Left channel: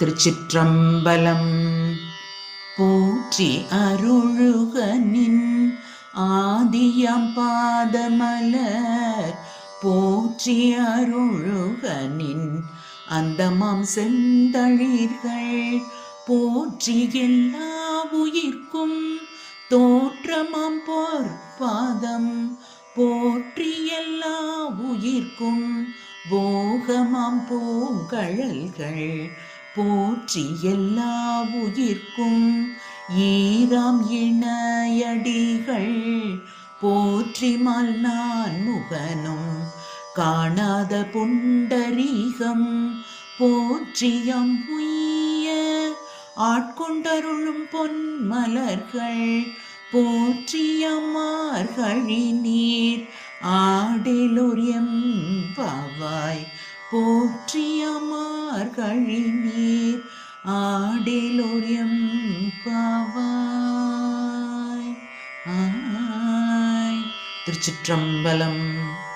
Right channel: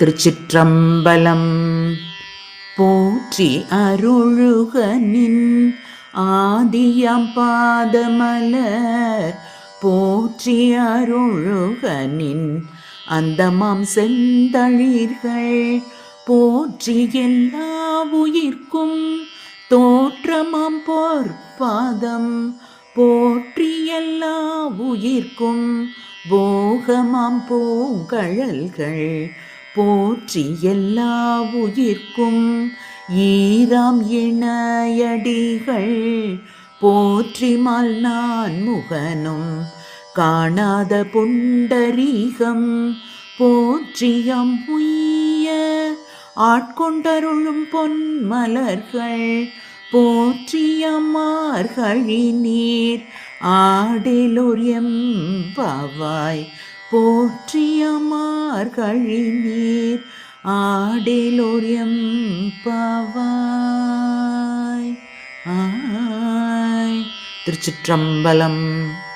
திருச்சிற்றம்பலம். போற்றி அருளுகனின் ஆதியாம் பாதமலர் போற்றி அருளுகனின் அந்தமாம் செந்தளிர்கள் போற்றி எல்லா உயிர்க்கும் தோற்றமாம் பொற்பாதம் போற்றி எல்லா உயிர்க்கும் போகமாம் பூங்கழல்கள் போற்றி எல்லா உயிர்க்கும் ஈராம் இணையடிகள் போற்றி மல்நான் முகனும் காணாத புண்டரீகம் போற்றியம் உய்ய ஆட்கொண்டருளும் பொன்மலர்கள் போற்றியம்மார்கழி நீர் ஆடேலோர் எம்பாவாய் போற்றியம்மார்கழி நீர் ஆடேலோர் எம்பாவாய். திருச்சிற்றம்பலம்.